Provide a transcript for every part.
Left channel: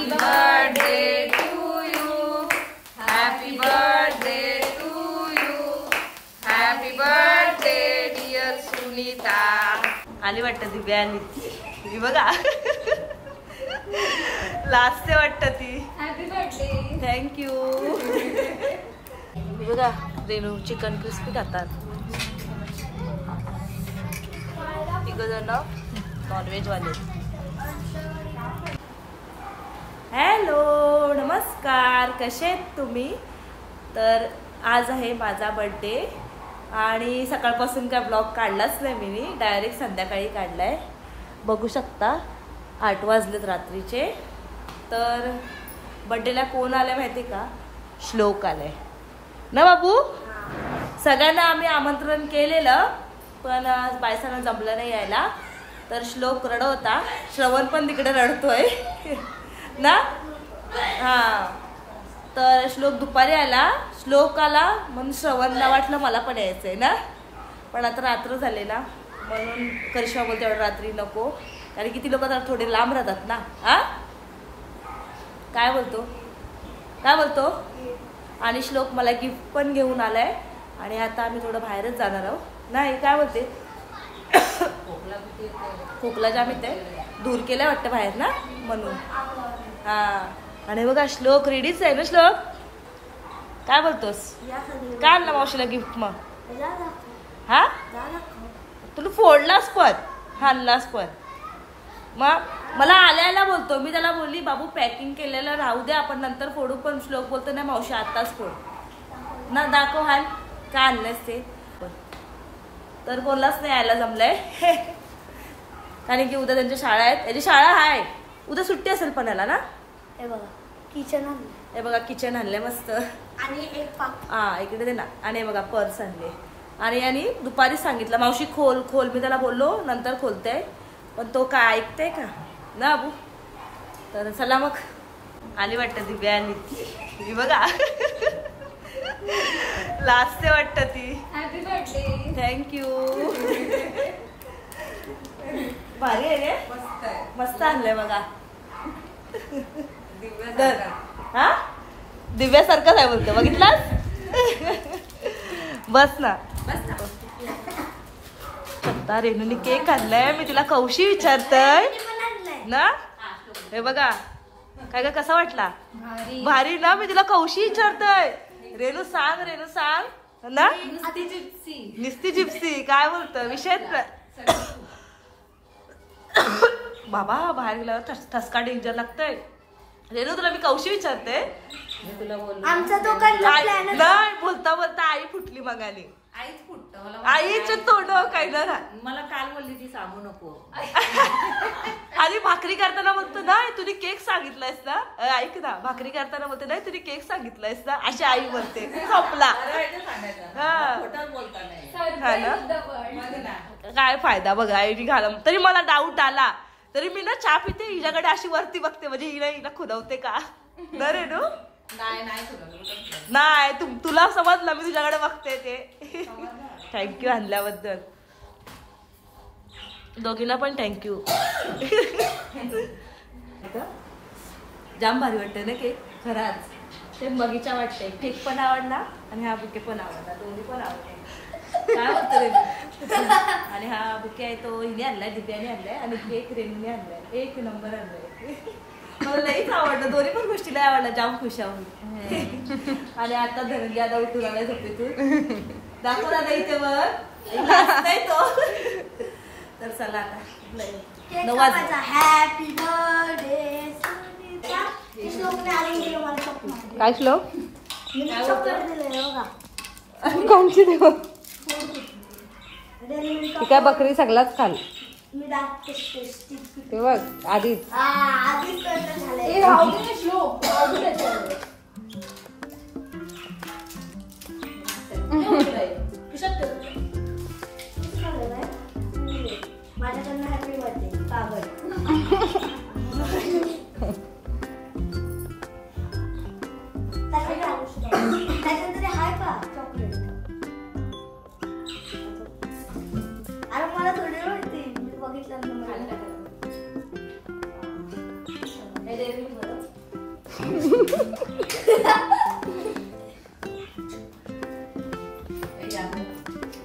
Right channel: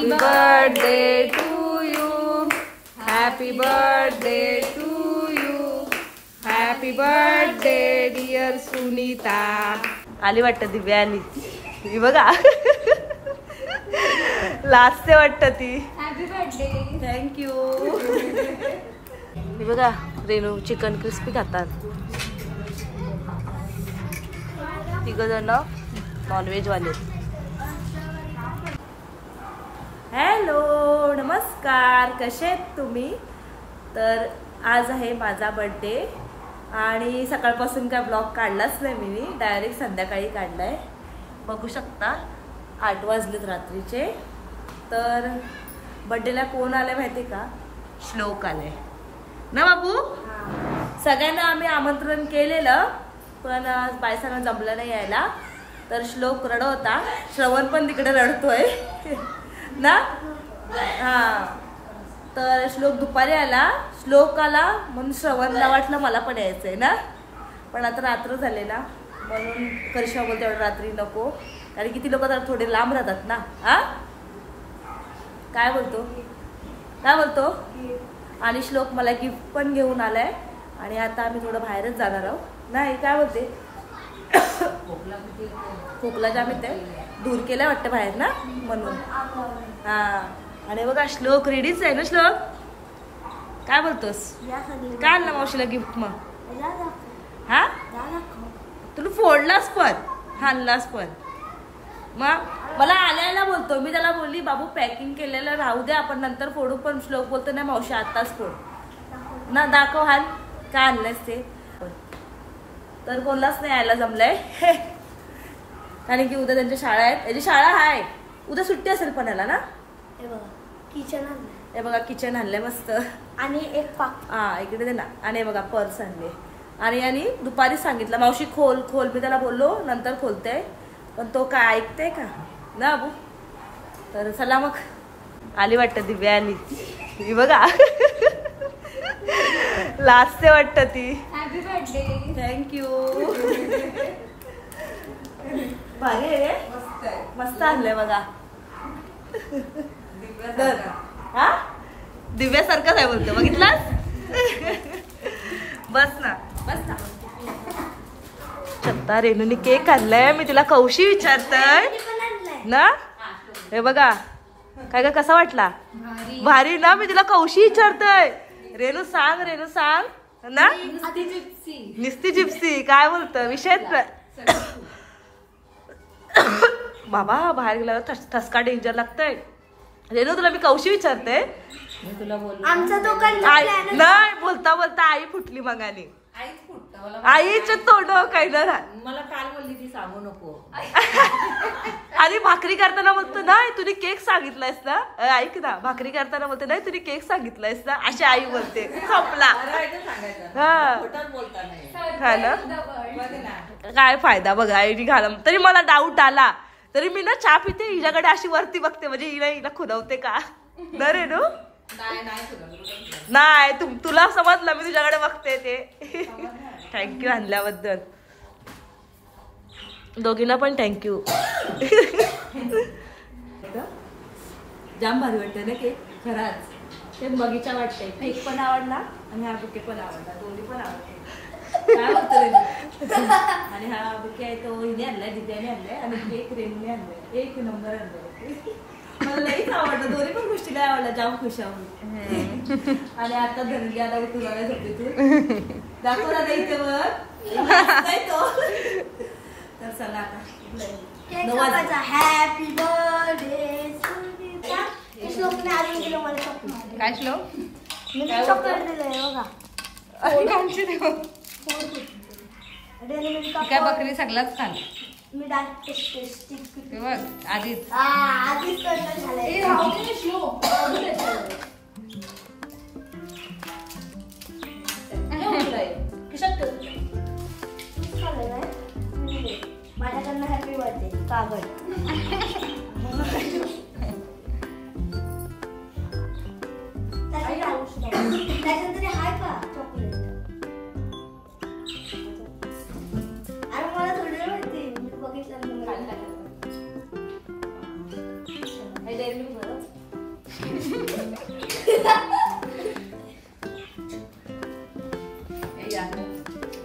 Happy birthday to you. Happy birthday to you. Happy birthday dear Sunita. आली वाटतं दिव्या आली. ही बघा. लाजते वाटतं ती. Happy birthday. थँक्यू. ही बघा रेनू चिकन क्रिस्पी खातात. तिघ जण नॉनव्हेज वाले. हॅलो नमस्कार, कसे आहेत तुम्ही? तर आज आहे माझा बर्थडे आणि सकाळपासून काय ब्लॉग काढलाच नाही मी, डायरेक्ट संध्याकाळी काढलाय. बघू शकता 8 वाजलेत रात्रीचे. तर बर्थडेला कोण आले माहिती का? श्लोक आलाय ना बाबू. सगळ्यांना आम्ही आमंत्रण केलेलं पण बायसांना जमलं नाही यायला. तर श्लोक रडत होता, श्रवण पण तिकडे रडतोय ना. हा तर श्लोक दुपारी आला, श्लोक आला म्हणून श्रवणला वाटलं मला पण यायचंय ना. पण आता रात्र झाले ना म्हणून करिश्मा बोलते एवढं रात्री नको, कारण किती लोक तर थोडे लांब राहतात ना. हा काय बोलतो काय बोलतो. आणि श्लोक मला गिफ्ट पण घेऊन आलाय आणि आता आम्ही थोडं बाहेरच जाणार आहोत. नाही काय बोलते खोकला जाम येते, दूर केलाय वाटतं बाहेर ना म्हणून. हा आणि बघा श्लोक रेडीच आहे ना. श्लोक काय बोलतोस? काय आणलं मावशीला गिफ्ट मग? हा तुला फोडलास पण आणलास पण. मग मला आल्याला बोलतो, मी त्याला बोलली बाबू पॅकिंग केलेलं राहू दे आपण नंतर फोडू, पण श्लोक बोलतो नाही मावशी आताच फोड ना. दाखव हाल काय आणलंस ते. तर कोणालाच नाही यायला जमलंय कारण की उद्या त्यांच्या शाळा आहेत. याची शाळा आहे उद्या, सुट्टी असेल पण याला ना. हे बघा किचन आणलं, हे बघा किचन आणलंय मस्त. आणि एक पाक हा इकडे दे ना. आणि हे बघा पर्स आणले. आणि दुपारी सांगितलं मावशी खोल खोल, मी त्याला बोललो नंतर खोलते, पण तो काय ऐकते का ना अबू. तर चला मग आली वाटतं दिव्या आली. ही बघा लाजते वाटतं ती. Happy birthday. थँक्यू. भारी आहे रे, मस्त आणलंय बघा. हा दिव्यासारखंच आहे बोलतो, बघितलास. बस ना बस ना. आता रेणूने केक आणलाय, मी तिला कौशी विचारतय ना. हे बघा काय का कसा वाटला? भारी ना. मी तिला कौशी विचारतय, रेणू सांग रेणू सांग ना. निस्ती जिप्सी काय बोलतं विषयच. बाबा बाहेर गेल्यावर ठसका डेंजर लागतंय. रेणू तुला मी कौशी विचारते. नाही बोलता बोलता आई फुटली मगाने. आईच तोंड काही ना. मला काल बोलली ती सांगू नको. आणि भाकरी करताना बोलतो नाही तुम्ही केक सांगितलायस ना. ऐक ना भाकरी करताना बोलते नाही तुम्ही केक सांगितलायस ना, अशी आई बोलते. खपला हा ना. काय फायदा बघा आईने घालम. तरी मला डाऊट आला तरी मी ना चहा पिते, हिच्याकडे अशी वरती बघते म्हणजे हिला खुदवते का ना रेणू. नाही तुला समजलं मी तुझ्याकडे बघते ते. थँक्यू आणल्याबद्दल दोघींना पण थँक्यू. जाम भारी वाटतं ना केक खराच. ते बगीचा वाटतंय. केक पण आवडला आणि हा बुके पण आवडला, दोन्ही पण आवडले. काय होतं रे. आणि हा बुके आहे तो हिने आणलाय, दिव्याने आणलाय आणि केक रेणूने आणलाय. एक नंबर आणलाय. मला लईच आवडलं, दोन्ही पण गोष्टी लई आवडल्या. जाम खुश आहोत. आणि आता धनग्याला उठून आलाय झोपेतून. दाखव ना इथे वर तो. तर चला आता हॅपी बर्थडे. काय श्लोक कांची देऊ. काय बकरी सगळाच खाल. ते बघ आधीच माझ्याकडनं हॅपी बर्थडे कागद. त्याच्यानंतर हाय का चॉकलेट. अरे मला थोडी वाटते मी बघितलं.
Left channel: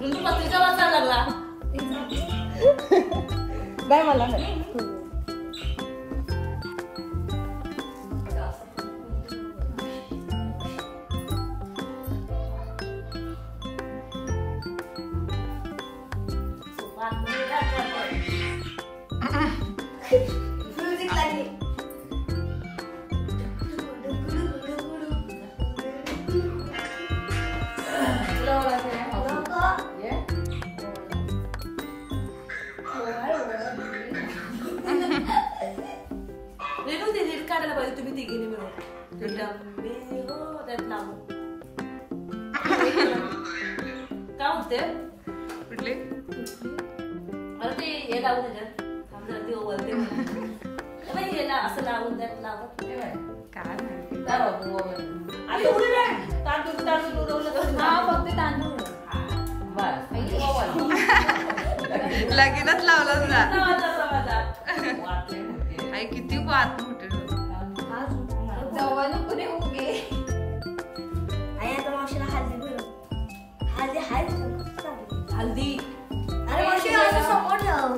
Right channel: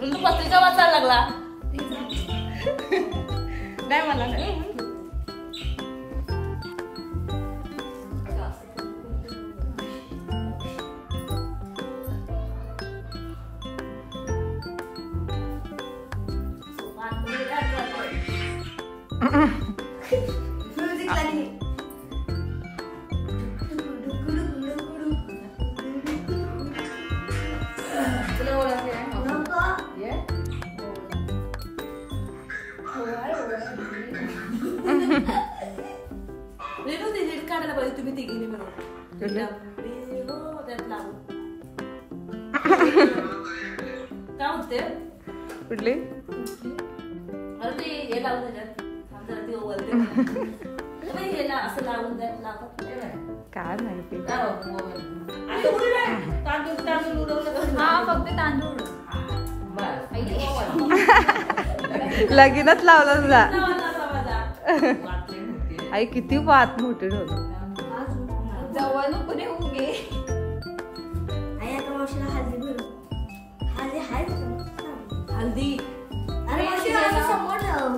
तू पत्रिका वाचायला लागला नाही मला नाही. म्युझिक लागली. रेणू ते रील काढायला पाहिजे तुम्ही तिघीने मिळून. त्यात लावू काय होते कुठले अरे ते हे लावून त्याच्यात थांब जरा ते ओवलते बाई हे असं लावून त्यात लावतात काय माहिती आणि उडी नाही तांदूळ तांदूळ उडवलं फक्त तांदूळ लगीनच लावलं तुझा माझा आई किती वात मोठे होते. आई आता मावशीला हल्दी भरू. हल्दी हायच का? हल्दी अरे मावशी असं समोर ठेव.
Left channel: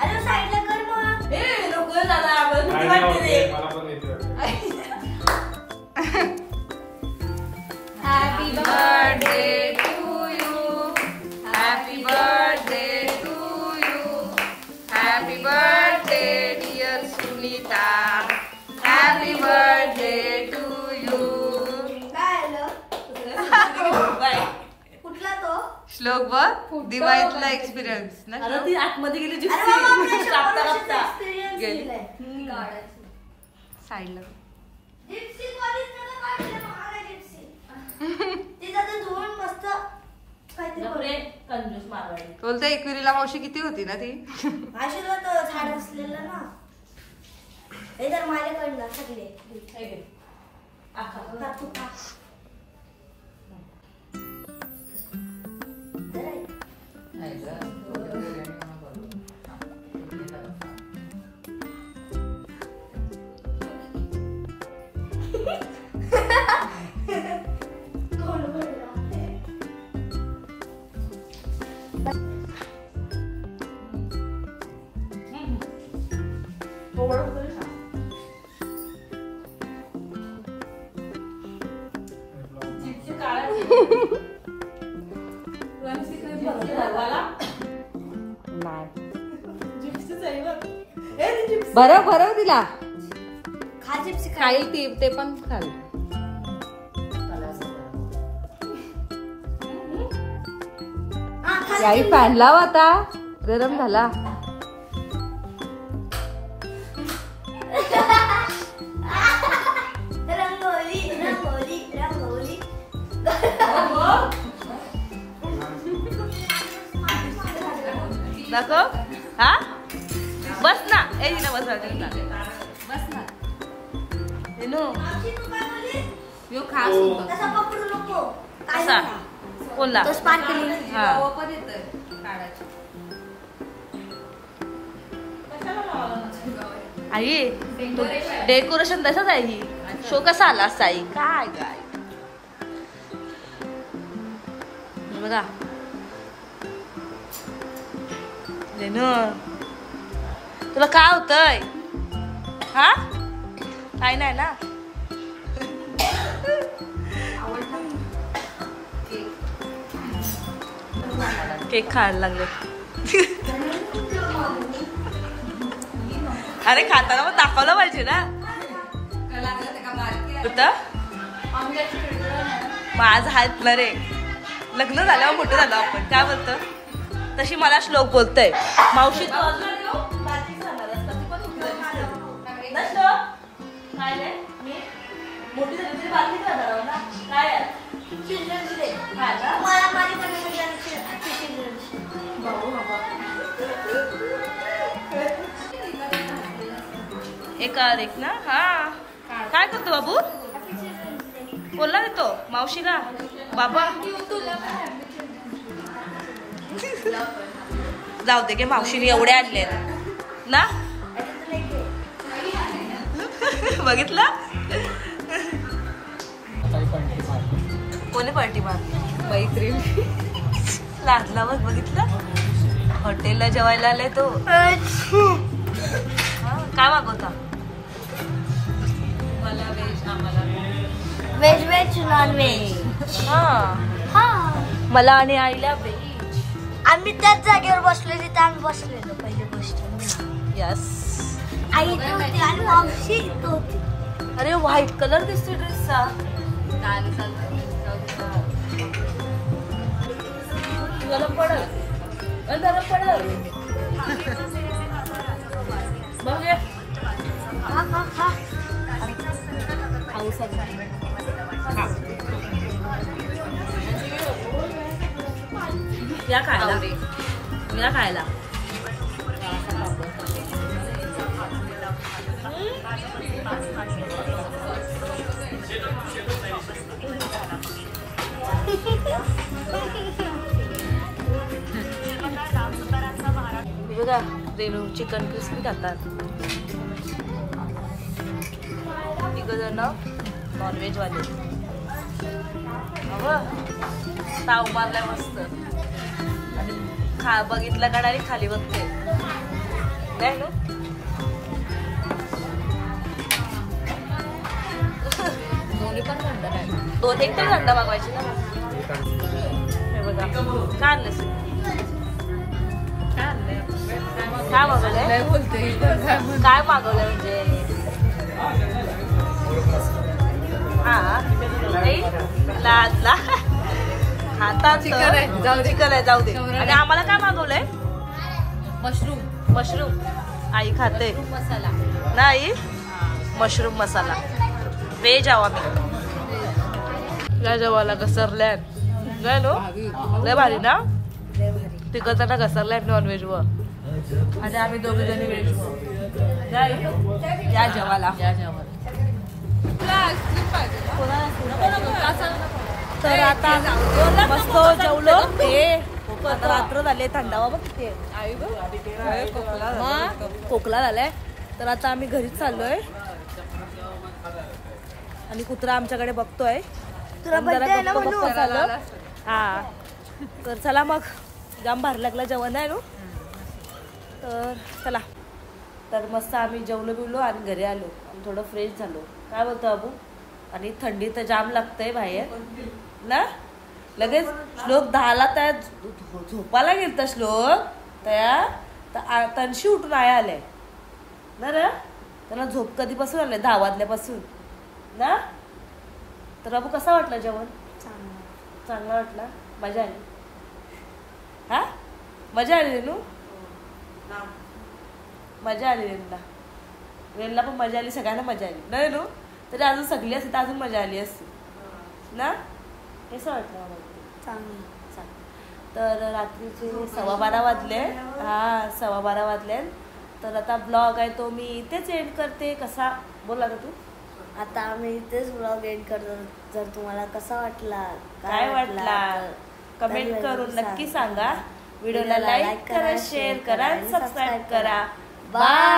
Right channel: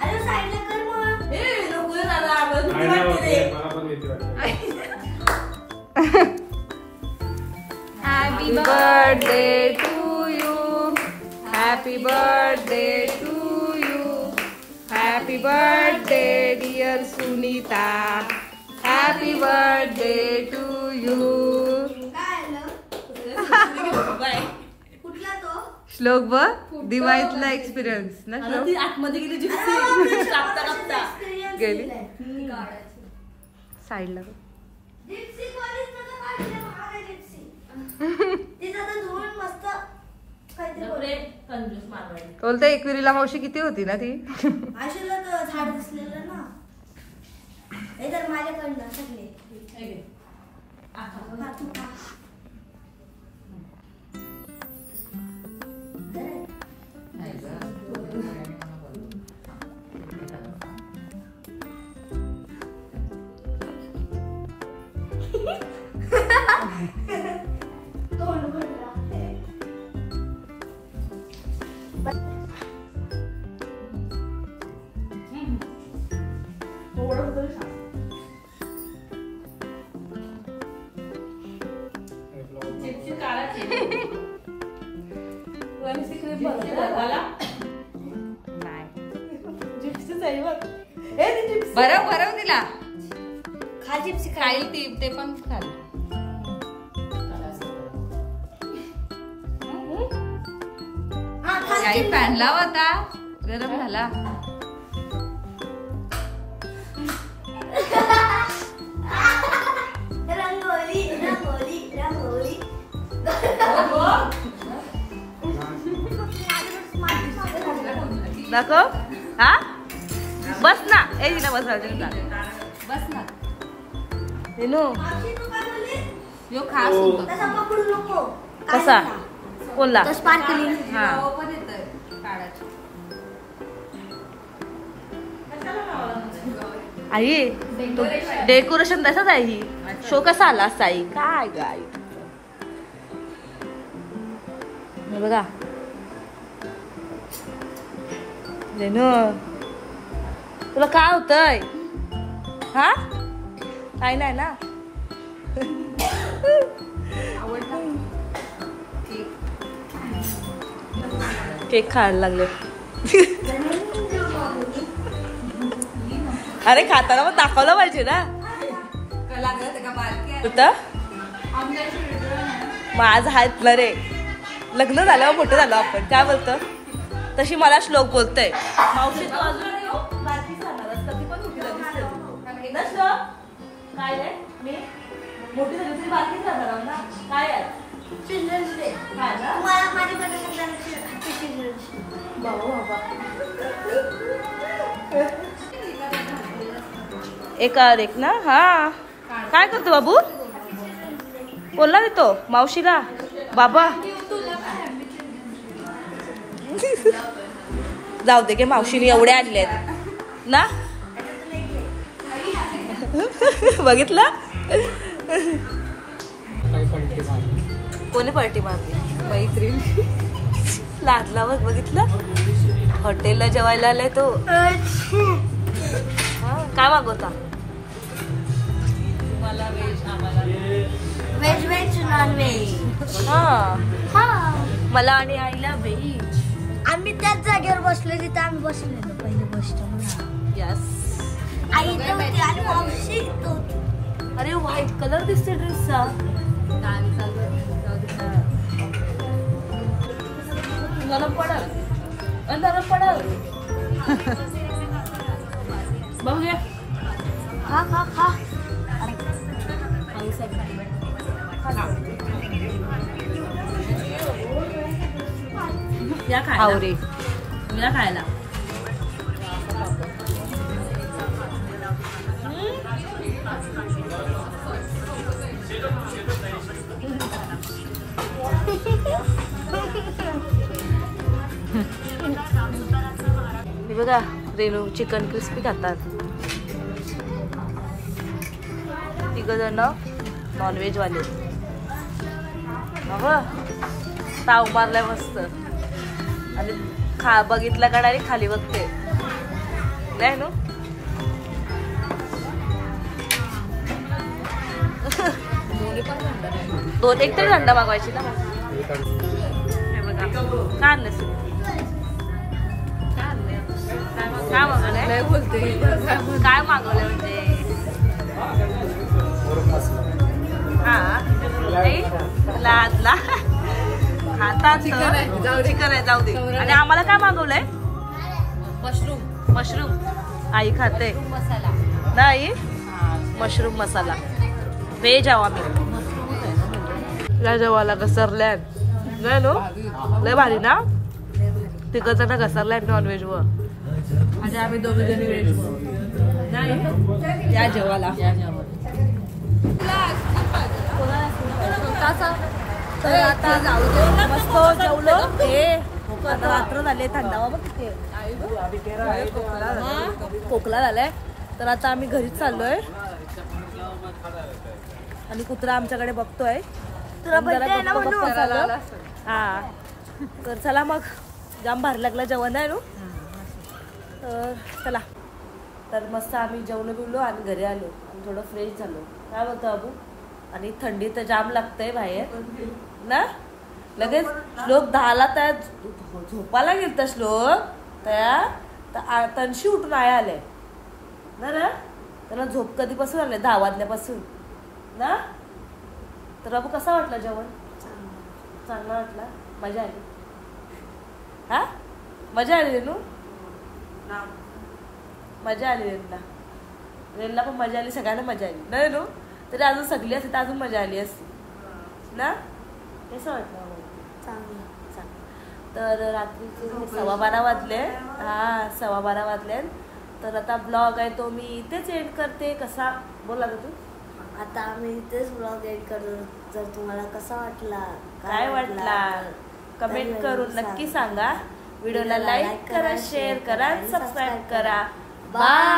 अरे साईडला कर मग. ए नको दादा आम्हाला भीती वाटते रे. Happy birthday to you. Happy birthday to you. Happy birthday dear Sunita. Happy birthday to you. काय आलं? बाय. कुठला तो? श्लोक बघ दिवाळीतला एक्सपिरियन्स ना अरे श्लोक. ती आतमध्ये गेली अरे बाबा, जिप्सी आपल्या कापता वर्षाचा कापता experience गेली? दिलाय. साईडला जिप्सी कॉलेज मध्ये काढलं महाग जिप्सी. तिचा तर धुवून मस्त काहीतरी नपरे कंजूस मारवाडी. बोलते एकविरीला मावशी किती होती ना ती. आशीला तर झाड बसलेलं ना. हे तर माझ्याकडनं सगळे. हे घे. आखा. खा तू खा. जरा आहे. कोण बोलला? थोडं तरी सांग. चिप्सी काढायची. वरची क्रीम भरते झाला. नाही चिप्सीच आहे बघ. हे ती चिप्स. भरव तिला खा जिप्सी खा. खाईल ती ते पण खाल. हा, खा. आई फॅन लाव आता गरम झाला. रंगोली रंगोली रंगोली. दाखव. हा बस ना. ए तिला बस बस ना हेनो मावशी तू काय बोलली? यो खास होता. तसा पकडू नको. कसा कोणला तो स्पार्कलिंग. हा पण येतोय काढायची. आई तो डेकोरेशन तसंच आहे ही. शो कसा आला असता आई काय गाय बघा. रेनू तुला काय होतंय हा काय नाही ना. केक खायला लागले. अरे खाताना मग दाखवलं पाहिजे ना. माझं आहेत ना रे. लग्न झाल्यावर मोठं झालं आपण काय बोलतो तशी मला श्लोक बोलतोय. मावशी तू अजून बाकी झाणार असता ती पण मोठी झाली असती ना श्लोक. काय रे मी मोठी झाली तरी बाकी झाणार आहो ना काय आहे? काय ना मला माझ्याकडे कुठे भाऊ बाबा एकावर एक ना. हा काय करतो बाबू कोणला देतो मावशीला बाबा. जाऊ दे गे मावशीने एवढे आणलेत ना. बघितलं कोणी पार्टी मारली? मैत्रीण. लादला बघ, बघितलं हॉटेलला जेवायला आलाय तो. काय मागवता? मला व्हेज, आम्हाला व्हेज व्हेज नॉन व्हेज. हा मला आणि आईला व्हेज. आम्ही त्याच जागेवर बसलो तिथे आम्ही बसलेलो पहिली गोष्ट. यस. आई इथं होती आणि मावशी इथं होती. अरे व्हाईट कलर दिसते ड्रेसचा. गरम पडल, गरम पडल. बघ हे हा हा हा. खाऊ सगळं. या खायला, या खायला. बघा रेणू चिकन क्रिस्पी खातात. तिघ जण नॉनव्हेज वाले. ताव मारलाय मस्त आणि बघितलं का डायरेक्ट खाली बघते नाही ना. दोन एक तरी थंड मागवायची ना. हे बघा काय आणलं काय मागवलंय? बोलते काय मागवलंय म्हणजे हा लादला हातात चिकन आहे, जाऊ दे. चिकन आहे जाऊ दे. आणि आम्हाला काय मागवलंय? Mushroom mushroom. आई खाते मसाला नाही. मशरूम मसाला व्हेज आहो आम्ही. या जेवायला घसरल्या नाही नो. लय भारी ना. तिघ जण घसरल्या नॉनव्हेज वर आणि आम्ही दोघी जणी व्हेज वर नाही. या जेवायला तर आता मस्त जेवलो. हे आता रात्र झाले, थंडावा बघ किती खोकला झालाय. तर आता आम्ही घरीच चाललोय आणि कुत्रा आमच्याकडे बघतोय. जरा गप्प गप्प झालं. हा तर चला मग, जाम भारी लागला जेवण आहे नो. तर चला. तर मस्त आम्ही जेवलो बिवलो आणि घरी आलो आणि थोडं फ्रेश झालो. काय बोलतो अबू? आणि थंडी तर जाम लागतंय बाहेर ना. लगेच श्लोक 10ला त्या झोपायला गेलता श्लोक त्या तनशी उठून आले ना रे. त्याला झोप कधीपासून आले? 10 वाजल्यापासून ना. तर अबू कसा वाटला जेवण? चांगला वाटला. मजा आली. हा मजा आली रेनू. मजा आली रेनला. रेनला पण मजा आली, सगळ्यांना मजा आली ना रेनू. तरी अजून सगळी असते तर अजून मजा आली असती ना. कसं वाटलं? चांगलं. तर रात्रीचे 12:15 वाजले. हा 12:15 वाजले. तर आता ब्लॉग आहे तो मी इथेच एंड करते. कसा बोला का तू? आता आम्ही इथेच ब्लॉग एंड करतो. जर तुम्हाला कसा वाटला, काय वाटला कमेंट करून नक्की सांगा. व्हिडिओला लाईक करा, शेअर करा, सबस्क्राईब करा. बाय.